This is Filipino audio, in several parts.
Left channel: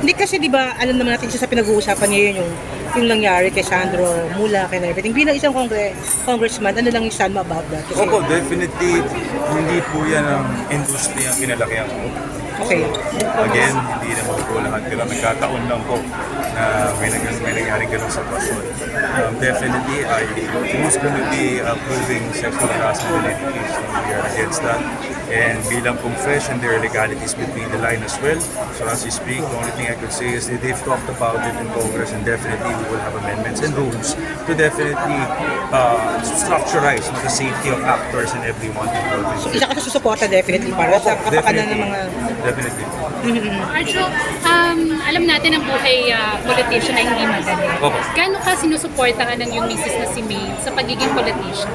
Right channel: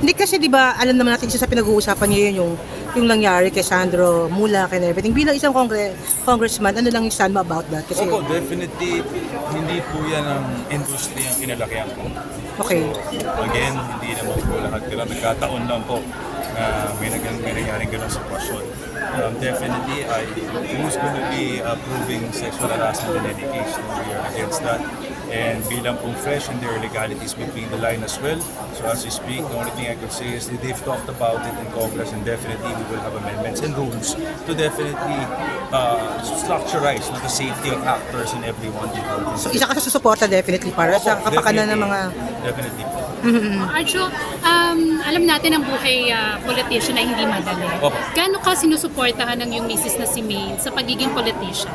Hindi kasi 'di ba, alam naman natin isa sa pinag-uusapan ngayon yung nangyari kay Sandro Mulak and everything. Bilang isang congressman, ano lang yung stand mo about that? Kasi, Opo, definitely, hindi po yan ang industry ang kinalakihan ko. okay. Again, hindi naman po lahat ko lang nagkataon lang po na may nangyaring ganun sitwasyon. Definitely, who's going to be approving sexual harassment and education? We are against that. And bilang pong fresh and there are legalities between the line as well. So as we speak, the only thing I could say is that they've talked about it in Congress and definitely we will have amendments and rules to definitely structurize the safety of actors and everyone involved. So, isa ka sa susuporta definitely para sa kapakanan ng mga... Definitely. Arjo, alam natin ang buhay politician ay hindi madali. Opo. Gaano ka sinusuportahan ng iyong misis na si May sa pagiging politician?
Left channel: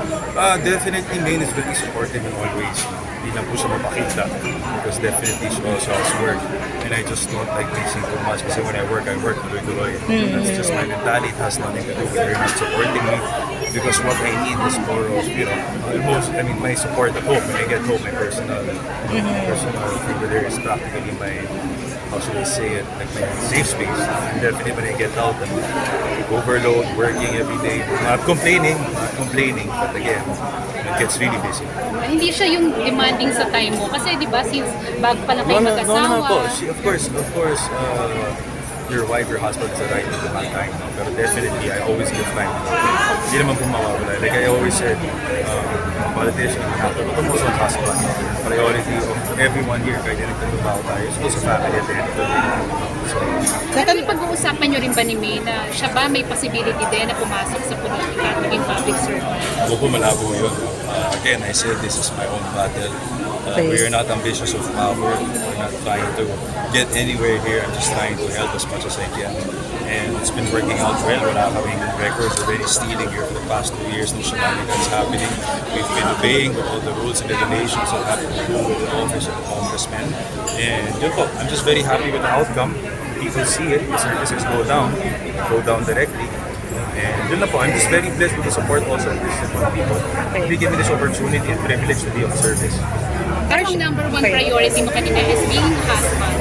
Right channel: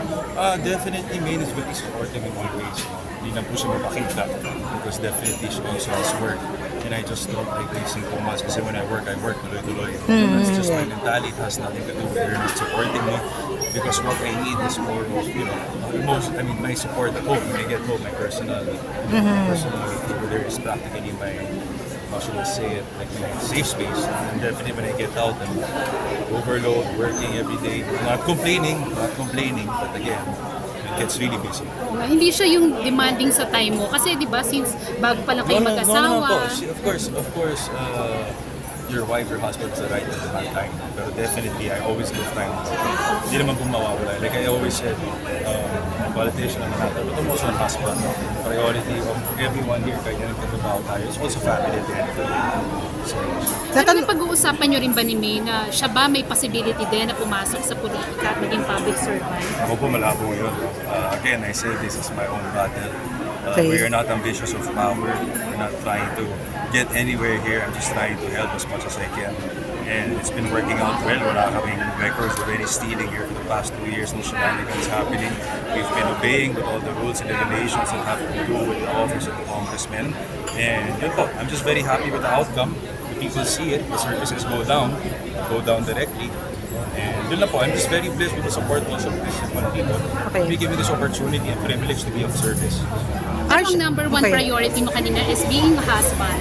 Definitely, Maine is very supportive in all ways. Hindi lang po siya mapakita because definitely she also has work. And I just don't like mixing too much kasi when I work tuloy-tuloy. It's just my mentality. It has nothing to do with her not supporting me because what I need is more of, my support at home. When I get home, my personal favor there is practically my, how should I say it, like my safe space. And definitely when I get out, I'm overload, working every day. Not complaining, but again, it gets really busy. Hindi siya yung demanding sa time mo. Kasi di ba, since bago pa lang kayo mag-asawa. No. Of course, your wife, your husband is the right to have time. But definitely, I always give time. Hindi naman po mawawala. Like I always said, politician, almost on husband. Priority of everyone here, kahit anything about tayo, is also family at the end of the day. Pero pag-uusapan nyo rin ba ni May na siya ba may possibility din na pumasok sa politika at maging public servant? Ako po malabo yun. Again, I said this is my own battle. We are not ambitious of power. We're not trying to get anywhere here. I'm just trying to help as much as I can. And it's been working out well. We're not having records already stealing here for the past 2 years. No shenanigans happening. We've been obeying with all the rules and regulations that have to do with the office of the congressman. And yun po, I'm just very happy with the outcome. People see it. The services go down directly. And yun na po, I'm just very blessed with the support also of these people. They give me this opportunity and privilege to be of service. Pero ang number one priority mo kanina is being husband.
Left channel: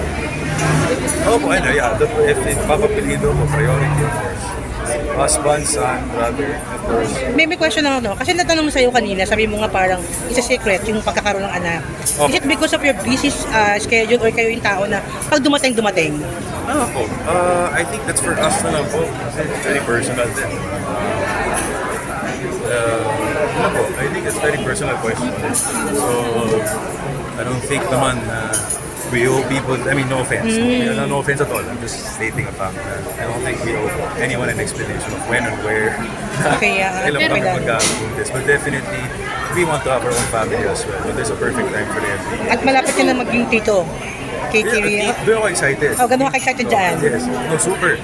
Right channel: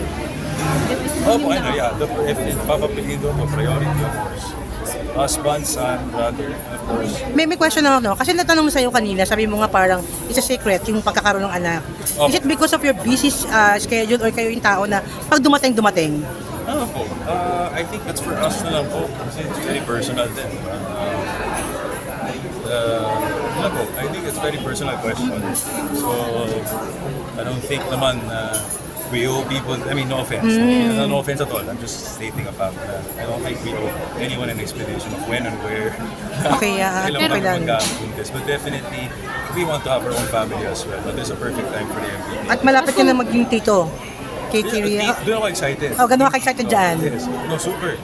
Po, yeah. If papapiliin daw po, priority of course. Husband, son, brother, of course. May question lang ako, kasi natanong sa'yo kanina, sabi mo nga parang isa secret yung pagkakaroon ng anak. Is it because of your busy schedule or kayo yung tao na pag dumating? Po. I think that's for us na lang po. Kasi it's very personal din. Po. I think it's very personal question. So, I don't think naman we owe people, no offense. No offense at all. I'm just stating a fact. I don't think we owe anyone an explanation of when and where. Okay, Kailan okay kami lang. magkakaroon this. But definitely, we want to have our own family as well. There's a perfect time for everything. At malapit ka na maging tito. Kay Kiri. Doon ako excited. Oh, ganun ka excited dyan. Yes. No, super.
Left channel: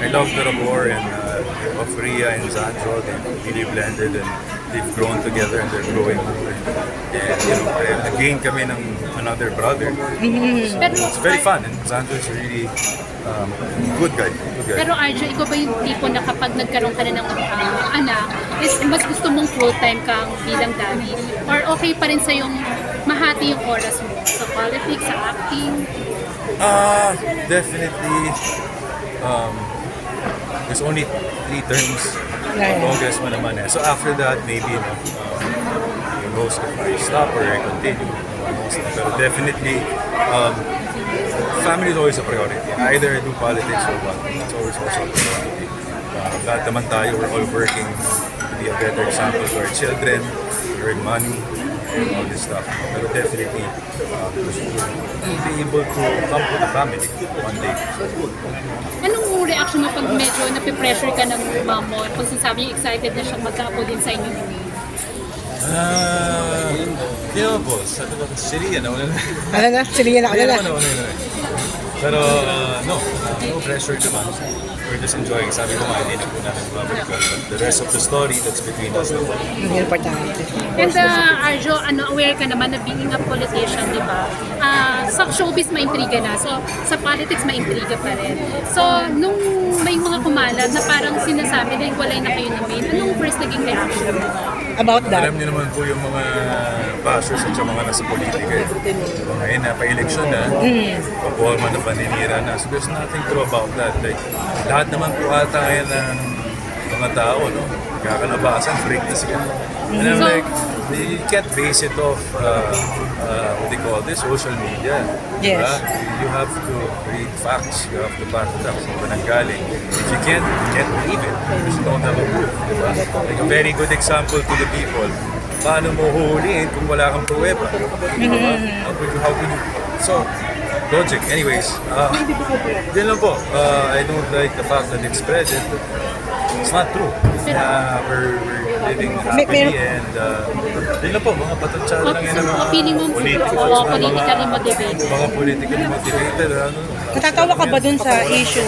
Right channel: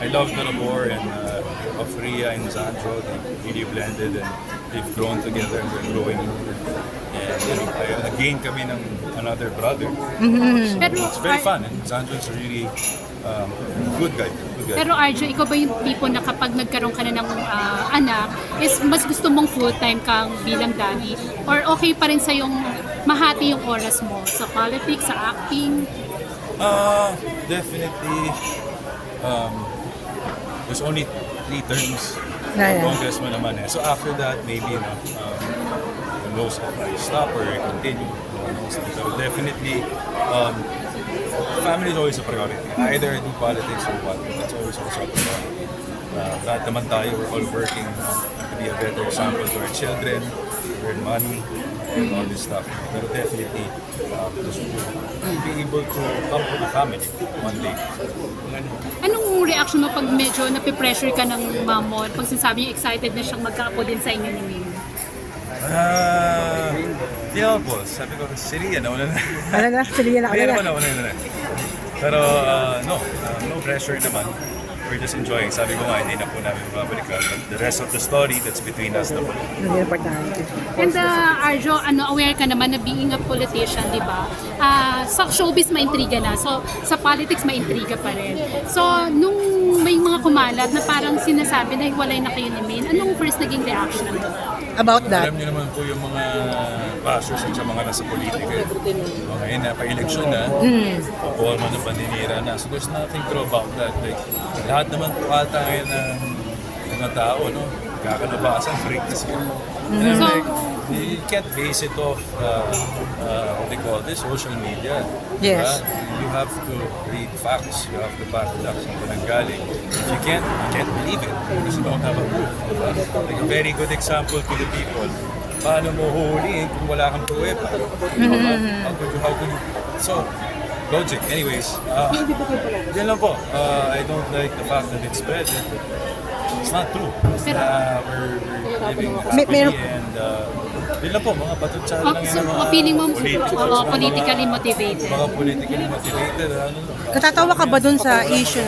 I love the rapport and of Rhea and Sandro. They really blended and they've grown together and they're growing. And nag-gain kami ng another brother. So it's very fun and Sandro is really good guy. Pero Arjo, ikaw ba yung tipo na kapag nagkaroon ka na ng anak, is mas gusto mong full-time kang bilang daddy? Or okay pa rin sa yung mahati yung oras mo sa politics, sa acting? Definitely. There's only 3 terms. Yeah. Congressman naman eh. So after that, maybe who knows if I stop or I continue. Who knows na. Pero definitely, family is always a priority. Either I do politics or what. It's always also a priority. Lahat naman tayo, we're all working to be a better example to our children, to earn money, and all this stuff. But definitely, to be able to come to the family one day. Anong reaction mo pag medyo napipressure ka ng mom mo? Kung sinasabi niya excited na siyang magka-apo din sa inyo ni May? Kaya po, sabi ko, Syria, nauna na. Ano na? Siliyan na ka na. Nauna na. Pero no pressure naman. We're just enjoying. Sabi ko nga, hindi na po namin babalik. The rest of the story, that's between us. Hindi importante. And Arjo, aware ka naman na being a politician, di ba? Sa showbiz maintriga na. So, sa politics maintriga pa rin. So, nung may mga kumalat na parang sinasabi na iwalay na kayo ni May, anong first naging reaction mo? About that. Alam niyo naman po yung mga bashers at sa mga nasa politika. Eh. So, ngayon na, pa-election na, papuha na paninira na. So there's nothing true about that. Like, lahat naman po ata ngayon ng mga tao, no? Kakalabasan, break this again. And I'm So- like, you can't base it off, what they call this, social media. Yes. Diba? You have to read facts. You have to back it up sa pananggaling. If you can't believe it because you don't have a proof. Diba? Like a very good example to the people. Paano mo huhulihin kung wala kang pruweba? Diba? How can you... So, logic. Anyways, yun lang po. I don't like the fact that it's spread. It's not true. We're living happily and yun lang po, mga patutsada lang yan. So, feeling mo, politically motivated. Mga politically motivated. Natatawa ka ba dun sa issue?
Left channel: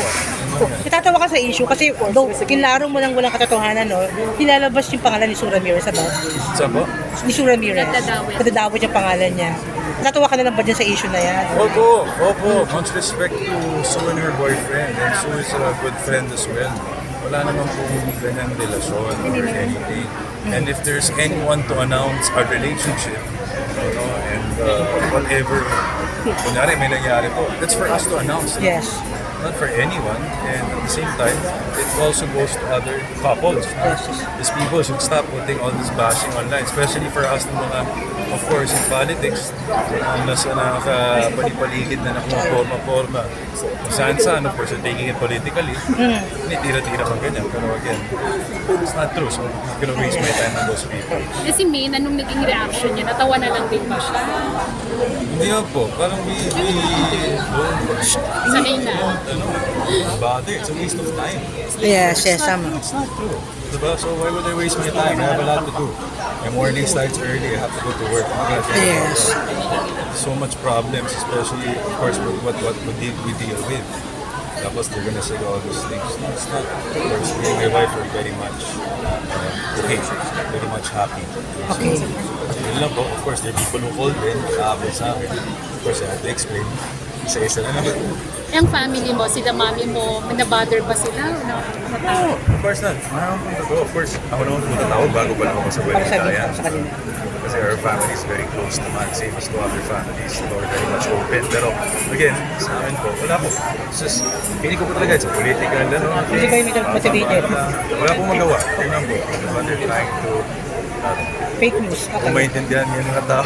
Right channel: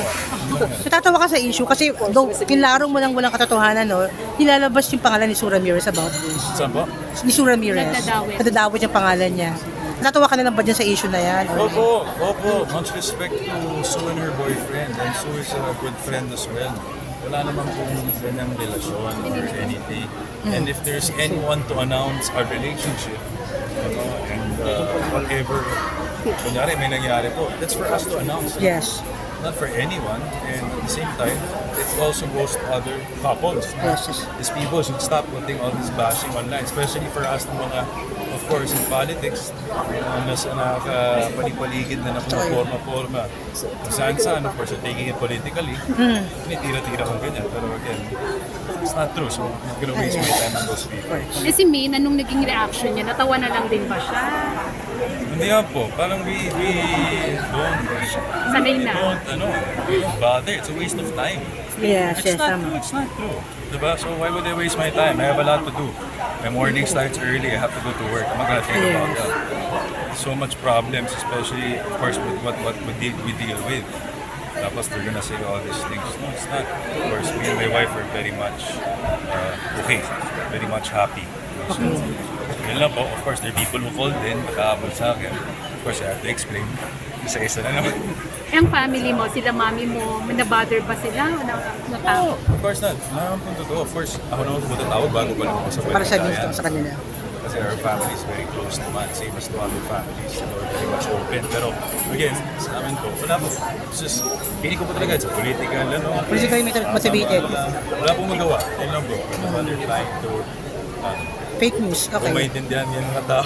Natatawa ka sa issue kasi though kinlaro mo lang walang katotohanan, no? Nilalabas yung pangalan ni Sue Ramirez about Saan po? ni Sue Ramirez. Nadadawit. Nadadawit yung pangalan niya. Natatawa ka na lang ba dyan sa issue na yan? Opo. Much respect to Sue and her boyfriend. And Sue is a good friend as well. Wala naman pong ganang relasyon or anything. And if there's anyone to announce a relationship, and whatever, kunyari may nangyari po, that's for us to announce. Yes. Not for anyone. And at the same time, it also goes to other couples. Yes. These people should stop putting all this bashing online, especially for us na mga, of course, in politics, nasa nakapalipaligid na forma-forma. Kung saan-saan, of course, taking it politically, tira-tira ko ganyan, again. It's not true, so I'm not gonna waste my time on those people. Kasi Maine, anong naging reaction niya? Natawa na lang din ba siya? Hindi nga po, parang we Sanay na. don't bother, it's a waste of time. Yes, yes, tama. It's not true. Diba? So why would I waste my time? I have a lot to do. My morning starts early. I have to go to work. Oh my God, Yes. so much problems, especially of course with what we deal with. Tapos they're gonna say all these things. No, it's not. Of course, me and my wife are very much okay, very much happy. Okay. Yun lang po. Of course, there are people who called in, makaabot sa akin. Of course, I have to explain. Isa-isa na naman. Yung family mo, sila mami mo, na-bother ba sila? Natawa? Of course not. Mayroon pong totoo. Of course, ako naman po natawag bago pa ako sa Para sa balita. sa kanila. Kasi our family is very close naman. Same as to other families. We're very much open. Pero again, sa amin po, wala po. It's just, feeling ko po talaga, it's a political, Politically motivated. Wala pong magawa. Yun lang po. They're trying to Fake news. Okay. maintindihan yung mga tao.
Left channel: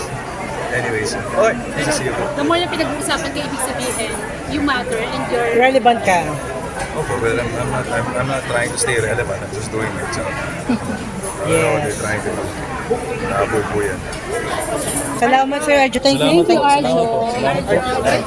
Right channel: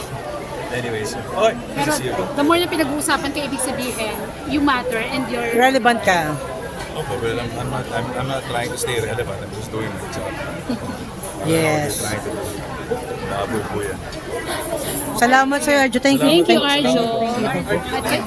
Anyways, okay. Pero See you. the more na pinag-uusapan ka, ibig sabihin, you matter and you're... Relevant ka. Okay, well, I'm not trying to stay relevant. I'm just doing my job. Yes. They're trying to nabubuyan. Salamat, Sir Arjo. Thank you. Thank you, Thank you. Arjo.